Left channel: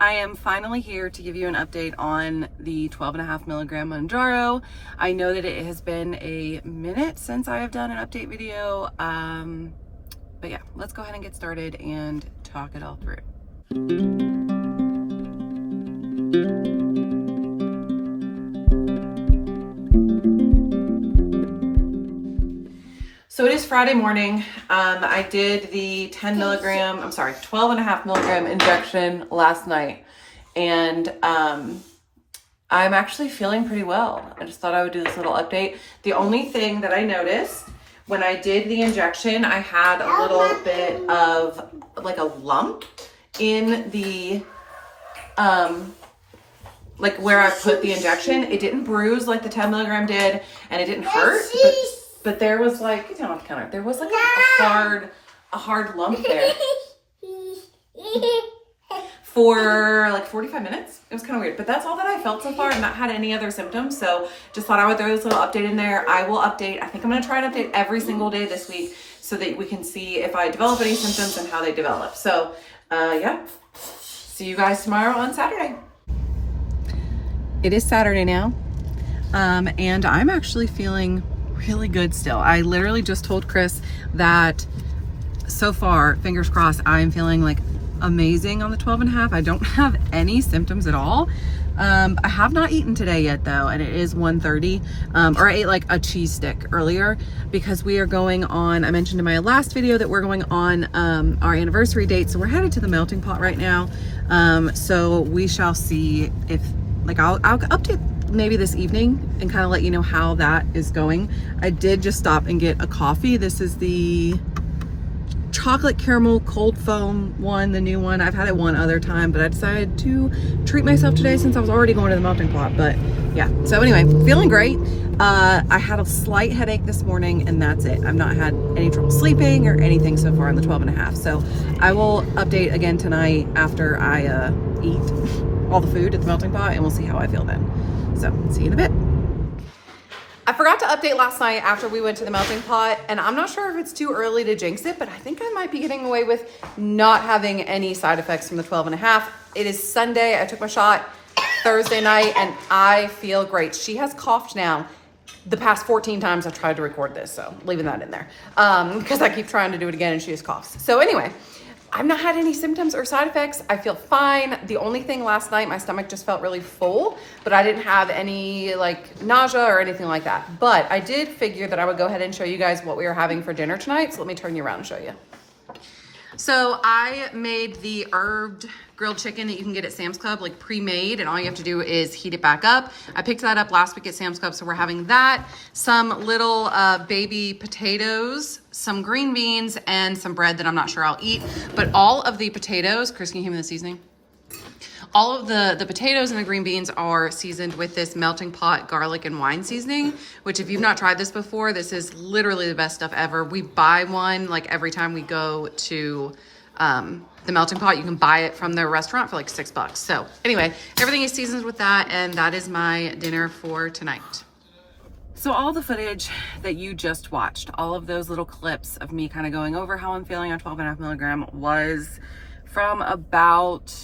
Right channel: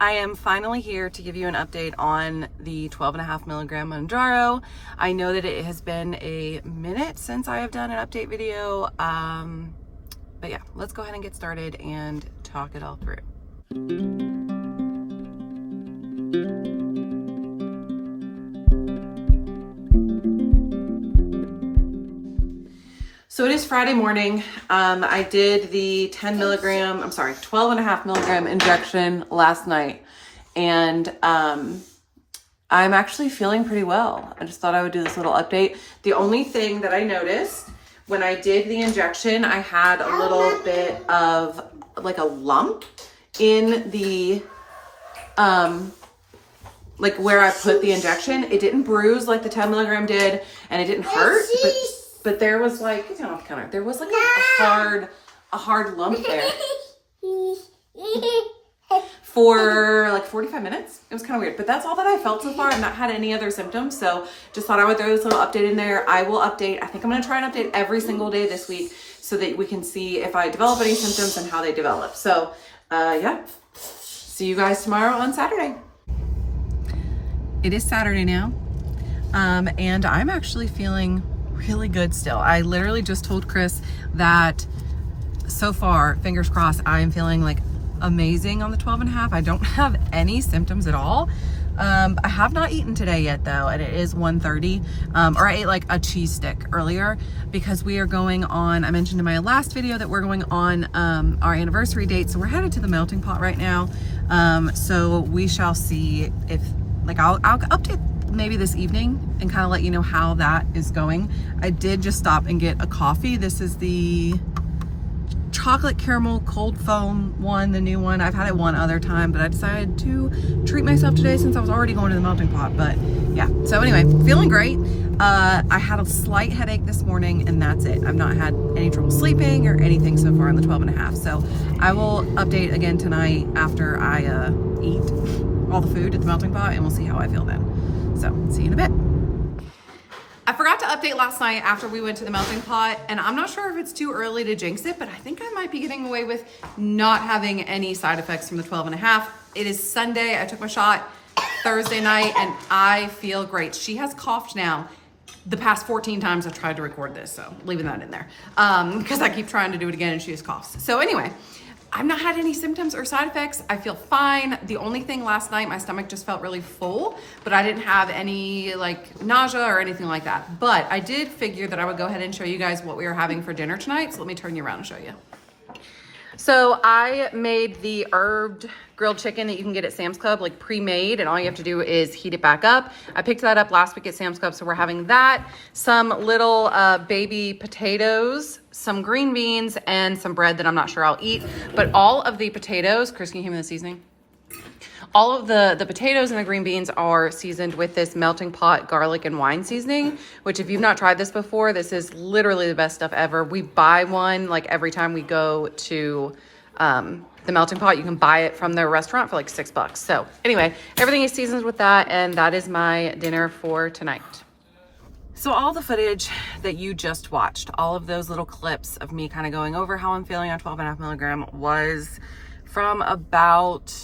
I am finally here to give you an update on the 12.5 milligram Mounjaro. I know that it has been a minute since I have done an update video, but yeah, let's go ahead and get started and talk it all through. So it is Friday morning. I did the 12.5 milligram injection last night, and I'm actually feeling pretty well. I just thought I would do this little update. The only thing that I noticed when I did the injection, I had a little bit of like a lump in the, like where I put the injection. It didn't bruise like the 10 milligram did, and it didn't hurt, but there was like, get down off the counter. There was like a hard lump there for like 45 minutes. It was kind of weird, but that's all that I felt so far. I've not had any other symptoms. So just thought I would throw this little update in there. I will update. I think I'm going to try and update every single day this week so that we can see if I develop any symptoms and how they develop. So yeah, see you guys tomorrow on Saturday. It is Saturday now. And I'm actually feeling really good still. I literally just told Chris that so far, fingers crossed, I'm feeling like amazing on the 12.5. I don't have any symptoms at all. I have not eaten today yet though, and it is 1:30. Or I ate like a cheese stick earlier because we are going on, I mentioned in my last video that we're going on our anniversary date. So we're headed to the melting pot right now. So we shall see if, like, I'll update maybe this evening and kind of let you know how that is going. I did just stop and get a coffee. This is the chocolate caramel cold foam one, the new one. I've had it one other time, but I decided to treat myself today since I was already going to the melting pot. But yeah, so anyway, feeling great. I had a slight headache this morning and that's it. I've not had any trouble sleeping or anything so far on the 12.5. So I will update again tonight after I eat all the food at the melting pot, and we'll see how I feel then. So see you in a bit. I forgot to update last night after we went to the melting pot, and I'm not sure if it's too early to jinx it, but I think I might be getting away with not having any side effects from the 12.5. It is Sunday. I took my shot Thursday night and I feel great. She has coughed now the past 14 times I've tried to record this, so leaving that in there because I keep trying to do it again and she just coughs. So anyway, I've not had any symptoms or side effects. I feel fine. The only thing last night, my stomach just felt really full, but I didn't have any like nausea or anything like that. But I did figure that I would go ahead and show you guys what we are having for dinner tonight. So let me turn you around and show you. So I made the herbed grilled chicken that you can get at Sam's Club, like pre-made, and all you have to do is heat it back up. I picked that up last week at Sam's Club, so we're having that. Some little baby potatoes, some green beans, and some bread that I'm not sure I'll eat. But all of the potatoes, Chris, can you give me the seasoning? All of the potatoes and the green beans are seasoned with this melting pot garlic and wine seasoning, which if you've not tried this before, this is literally the best stuff ever. We buy one like every time we go to the melting pot. You can buy it from their restaurant for like $6. So anyway, everything is seasoned with that, and that is my dinner for tonight. So all the footage that you just watched, all of those little clips of me kind of going over how I'm feeling on 12.5 milligram was from about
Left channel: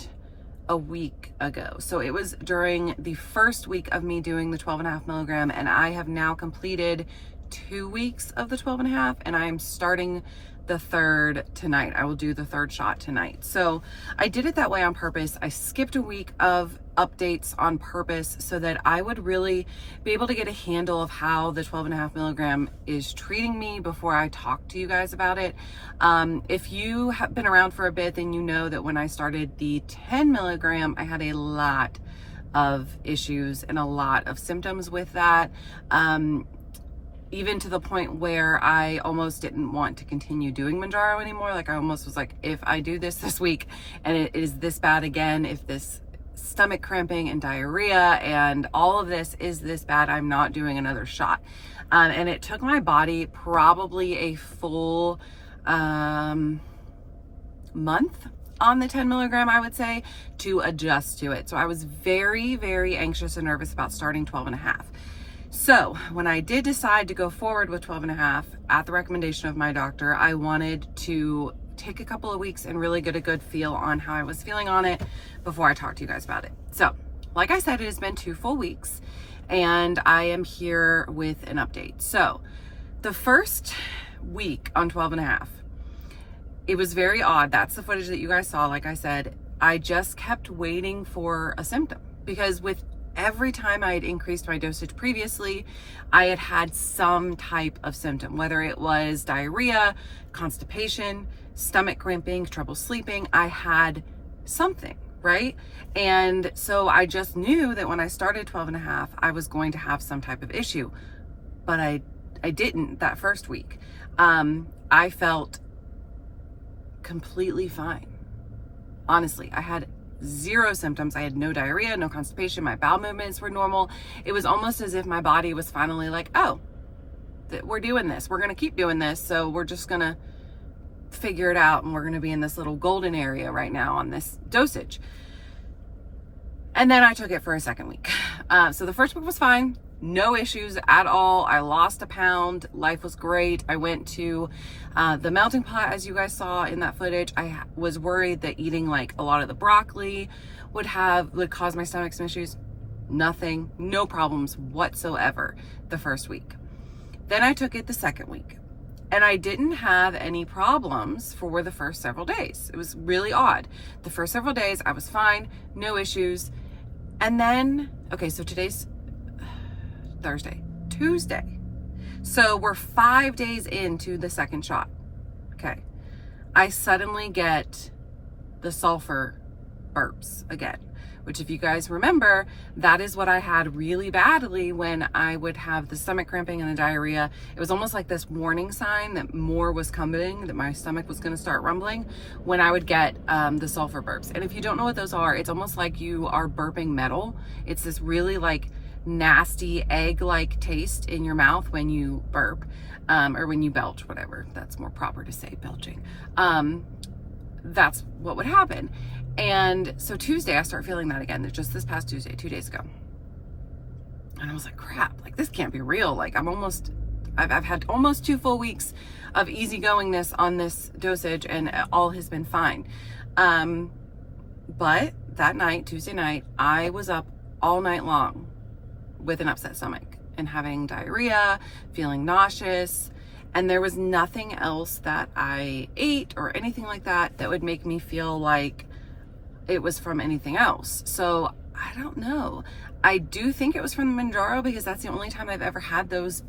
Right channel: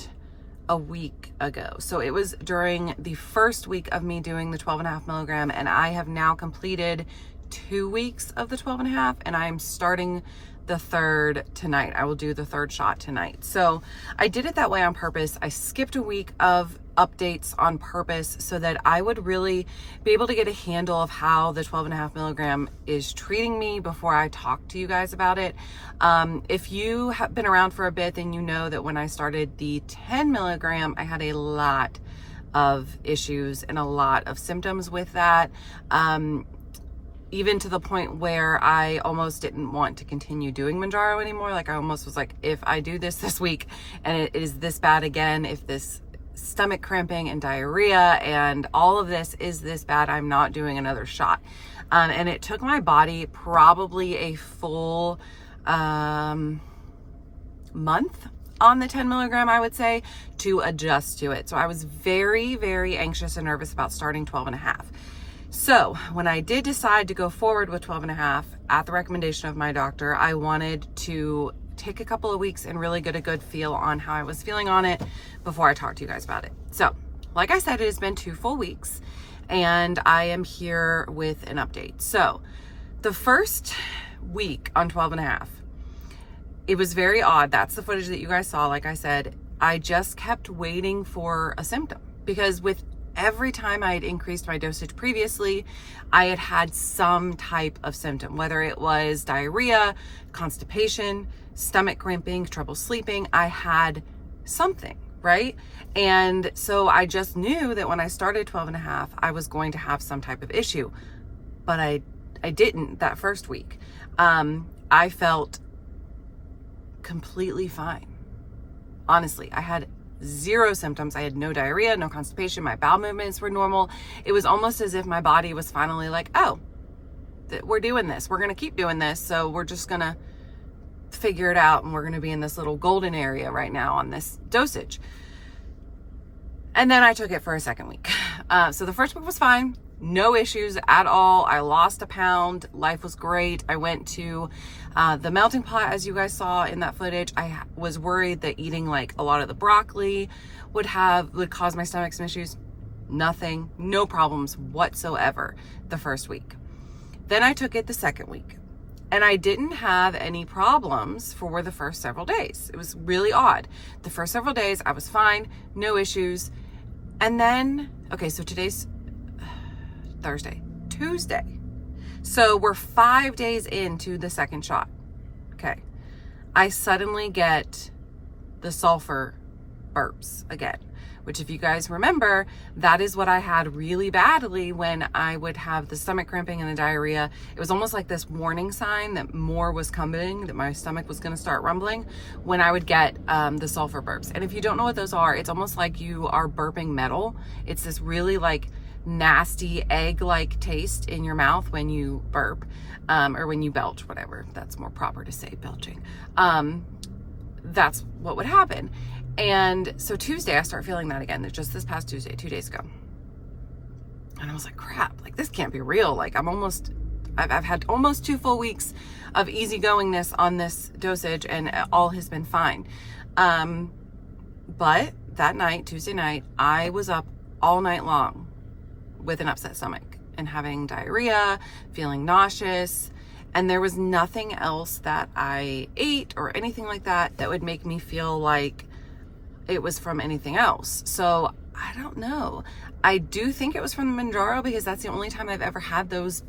a week ago. So it was during the first week of me doing the 12.5 milligram, and I have now completed 2 weeks of the 12.5, and I'm starting the third tonight. I will do the third shot tonight. So I did it that way on purpose. I skipped a week of updates on purpose so that I would really be able to get a handle of how the 12.5 milligram is treating me before I talk to you guys about it. If you have been around for a bit, then you know that when I started the 10 milligram, I had a lot of issues and a lot of symptoms with that. Even to the point where I almost didn't want to continue doing Mounjaro anymore. Like I almost was like, if I do this week and it is this bad again, if this stomach cramping and diarrhea and all of this is this bad, I'm not doing another shot. And it took my body probably a full month on the 10 milligram, I would say, to adjust to it. So I was very, very anxious and nervous about starting 12.5. So when I did decide to go forward with 12.5 at the recommendation of my doctor, I wanted to take a couple of weeks and really get a good feel on how I was feeling on it before I talk to you guys about it. So, like I said, it has been 2 full weeks and I am here with an update. So, the first week on 12.5, it was very odd. That's the footage that you guys saw. Like I said, I just kept waiting for a symptom because with every time I had increased my dosage previously, I had had some type of symptom, whether it was diarrhea, constipation, stomach cramping, trouble sleeping. I had something, right? And so I just knew that when I started 12.5, I was going to have some type of issue, but I didn't that first week. I felt completely fine. Honestly, I had 0 symptoms. I had no diarrhea, no constipation. My bowel movements were normal. It was almost as if my body was finally like, oh, we're doing this. We're going to keep doing this. So we're just going to figure it out. And we're going to be in this little golden area right now on this dosage. And then I took it for a second week. So the first week was fine. No issues at all. I lost a pound. Life was great. I went to the melting pot, as you guys saw in that footage. I was worried that eating like a lot of the broccoli would cause my stomach some issues. Nothing, no problems whatsoever the first week. Then I took it the second week and I didn't have any problems for the first several days. It was really odd. The first several days I was fine, no issues. And then, okay, so today's Thursday, Tuesday. So we're 5 days into the second shot. Okay. I suddenly get the sulfur burps again, which if you guys remember, that is what I had really badly when I would have the stomach cramping and the diarrhea. It was almost like this warning sign that more was coming, that my stomach was going to start rumbling when I would get the sulfur burps. And if you don't know what those are, it's almost like you are burping metal. It's this really like nasty egg-like taste in your mouth when you burp, or when you belch, whatever. That's more proper to say, belching. That's what would happen. And so Tuesday, I start feeling that again. Just this past Tuesday, 2 days ago. And I was like, crap, like this can't be real. Like I've had almost 2 full weeks of easygoingness on this dosage and all has been fine. But that night, Tuesday night, I was up all night long with an upset stomach and having diarrhea, feeling nauseous, and there was nothing else that I ate or anything like that that would make me feel like it was from anything else. So I don't know. I do think it was from the Mounjaro because that's the only time I've ever had those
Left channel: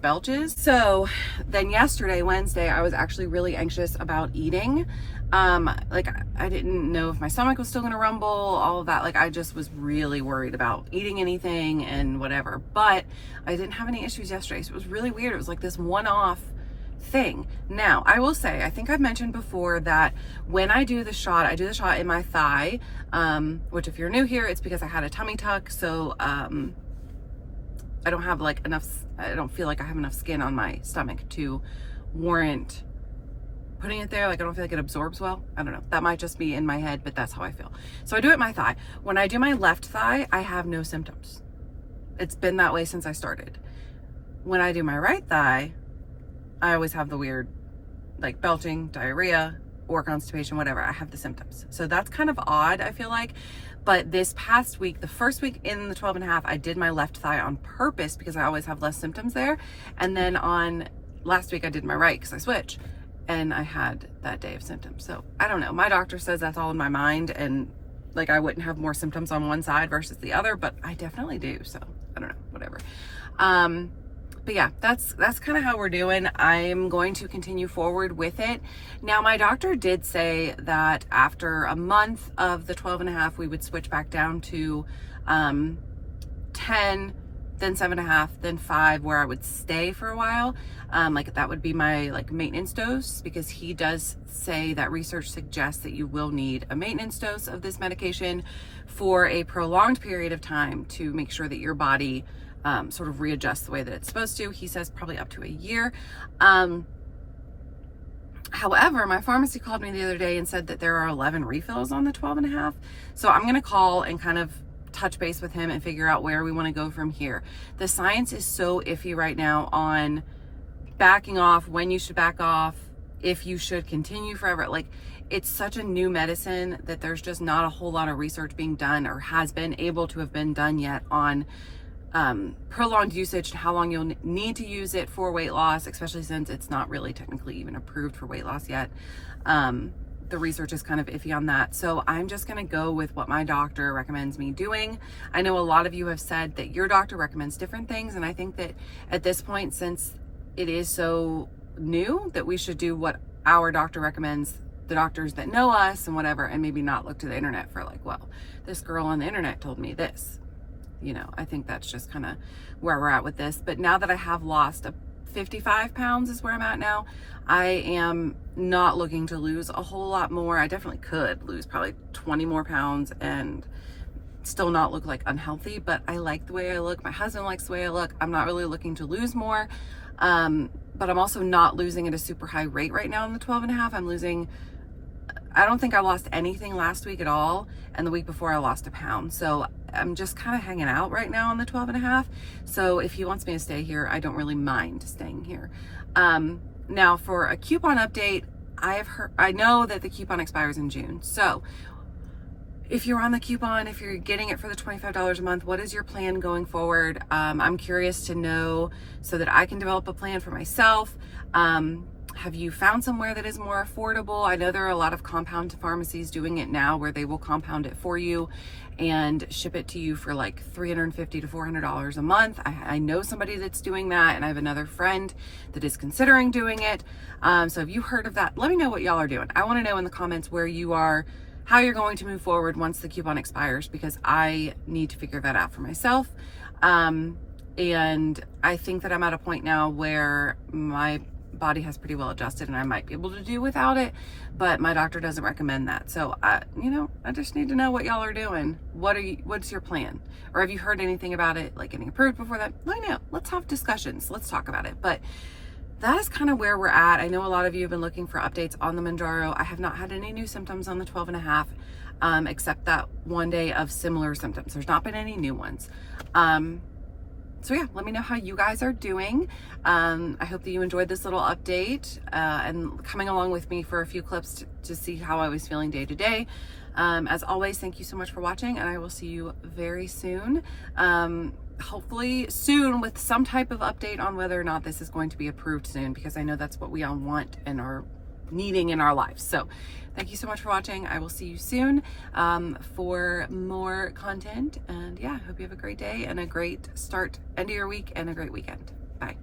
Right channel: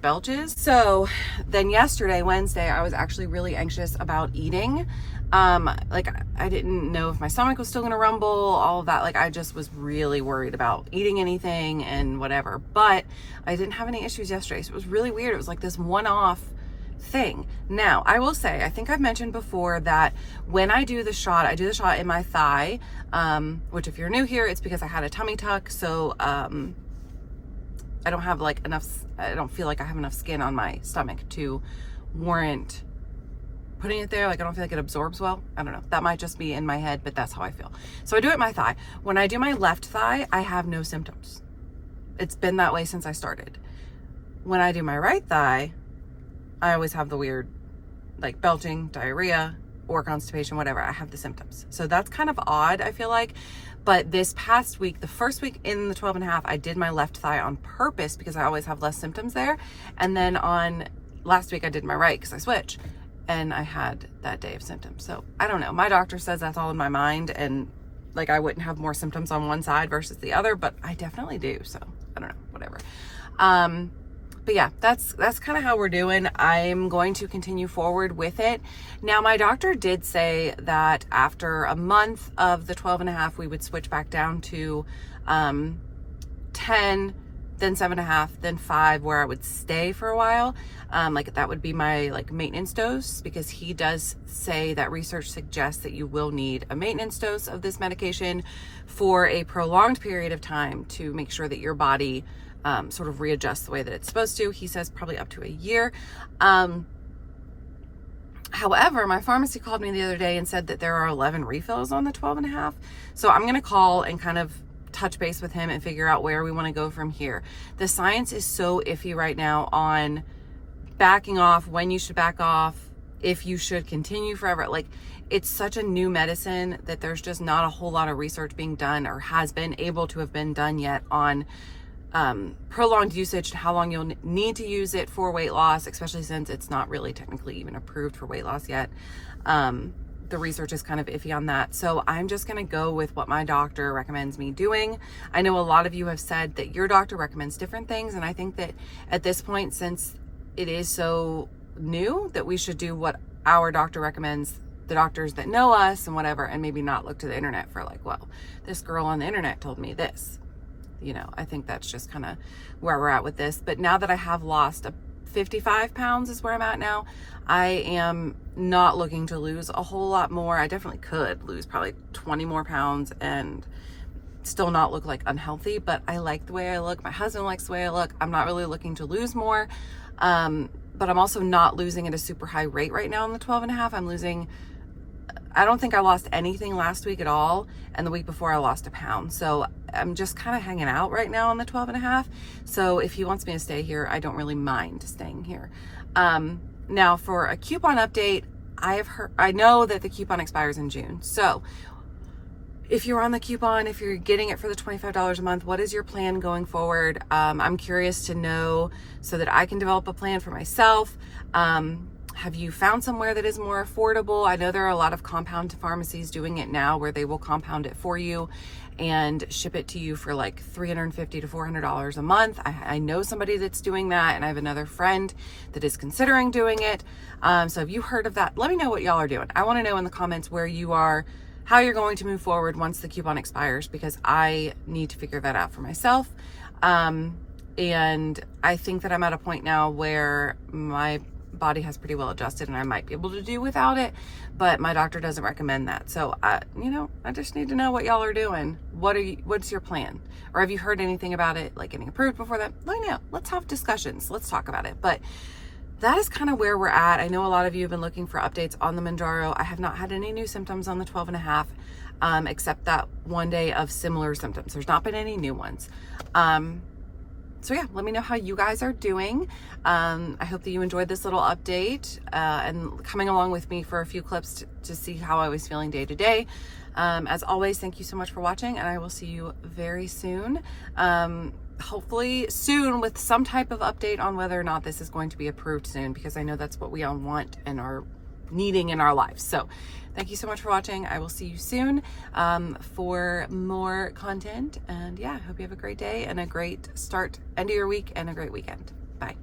belches. So then yesterday, Wednesday, I was actually really anxious about eating. Like I didn't know if my stomach was still gonna rumble, all of that. Like I just was really worried about eating anything and whatever, but I didn't have any issues yesterday. So it was really weird. It was like this one-off thing. Now, I will say, I think I've mentioned before that when I do the shot, I do the shot in my thigh, which if you're new here, it's because I had a tummy tuck. So, I don't have like enough, I don't feel like I have enough skin on my stomach to warrant putting it there. Like I don't feel like it absorbs well. I don't know. That might just be in my head, but that's how I feel. So I do it in my thigh. When I do my left thigh, I have no symptoms. It's been that way since I started. When I do my right thigh, I always have the weird like belching, diarrhea, or constipation, whatever. I have the symptoms. So that's kind of odd, I feel like. But this past week, the first week in the 12.5, I did my left thigh on purpose because I always have less symptoms there. And then on last week, I did my right because I switch. And I had that day of symptoms. So I don't know. My doctor says that's all in my mind and like I wouldn't have more symptoms on one side versus the other, but I definitely do. So I don't know, whatever. But yeah, that's kind of how we're doing. I'm going to continue forward with it. Now, my doctor did say that after a month of the 12.5, we would switch back down to 10, then 7.5, then 5, where I would stay for a while. Like that would be my like maintenance dose, because he does say that research suggests that you will need a maintenance dose of this medication for a prolonged period of time to make sure that your body sort of readjusts the way that it's supposed to. He says probably up to a year. However, my pharmacy called me the other day and said that there are 11 refills on the 12.5. So I'm going to call and kind of touch base with him and figure out where we want to go from here. The science is so iffy right now on backing off, when you should back off, if you should continue forever. Like, it's such a new medicine that there's just not a whole lot of research being done, or has been able to have been done yet, on prolonged usage and how long you'll need to use it for weight loss, especially since it's not really technically even approved for weight loss yet. The research is kind of iffy on that. So I'm just going to go with what my doctor recommends me doing. I know a lot of you have said that your doctor recommends different things. And I think that at this point, since it is so new, that we should do what our doctor recommends, the doctors that know us and whatever, and maybe not look to the internet for like, well, this girl on the internet told me this. You know, I think that's just kind of where we're at with this. But now that I have lost 55 pounds is where I'm at now, I am not looking to lose a whole lot more. I definitely could lose probably 20 more pounds and still not look like unhealthy, but I like the way I look. My husband likes the way I look. I'm not really looking to lose more. But I'm also not losing at a super high rate right now in the 12.5. I'm losing, I don't think I lost anything last week at all. And the week before I lost a pound. So I'm just kind of hanging out right now on the 12.5. So if he wants me to stay here, I don't really mind staying here. Now for a coupon update, I know that the coupon expires in June. So if you're on the coupon, if you're getting it for the $25 a month, what is your plan going forward? I'm curious to know so that I can develop a plan for myself. Have you found somewhere that is more affordable? I know there are a lot of compound pharmacies doing it now where they will compound it for you and ship it to you for like $350 to $400 a month. I know somebody that's doing that, and I have another friend that is considering doing it. So have you heard of that? Let me know what y'all are doing. I want to know in the comments where you are, how you're going to move forward once the coupon expires, because I need to figure that out for myself. And I think that I'm at a point now where my body has pretty well adjusted and I might be able to do without it, but my doctor doesn't recommend that. So I just need to know what y'all are doing. What's your plan? Or have you heard anything about it, like getting approved before that? Let me know. Let's have discussions. Let's talk about it. But that is kind of where we're at. I know a lot of you have been looking for updates on the Mounjaro. I have not had any new symptoms on the 12.5, except that one day of similar symptoms. There's not been any new ones. So yeah, let me know how you guys are doing. I hope that you enjoyed this little update and coming along with me for a few clips to see how I was feeling day to day. As always, thank you so much for watching, and I will see you very soon. Hopefully soon with some type of update on whether or not this is going to be approved soon, because I know that's what we all want and are needing in our lives. So thank you so much for watching. I will see you soon for more content. And yeah, I hope you have a great day and a great end of your week and a great weekend. Bye.